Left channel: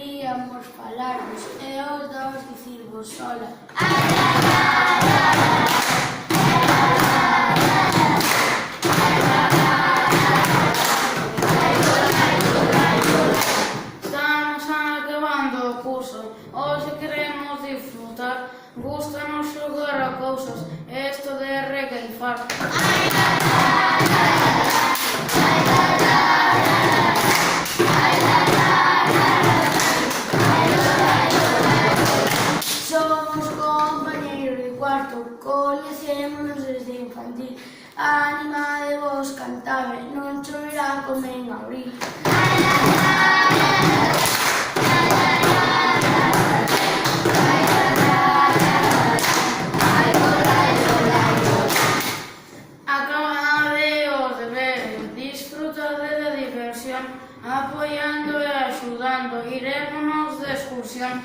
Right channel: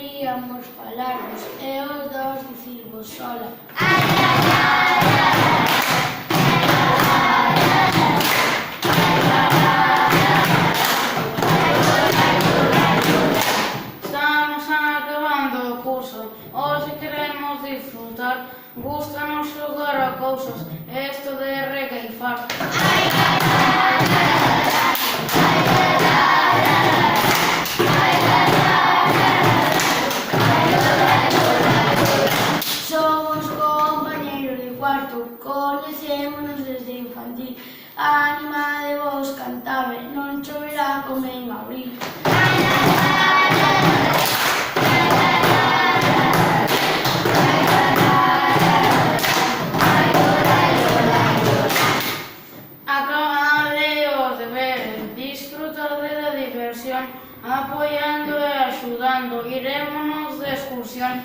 queríamos falarvos e os dous dicirvos sola. Estamos acabando o curso, hoxe queremos disfrutar, gústanos xogar a cousas, esto de recaifar. Somos compañeiros de cuarto, coñecémonos desde infantil. A anima de vos cantaba, non choverá como en abril. Acabade os deberes, disfrutade da diversión, apoiando e axudando, irémonos de excursión.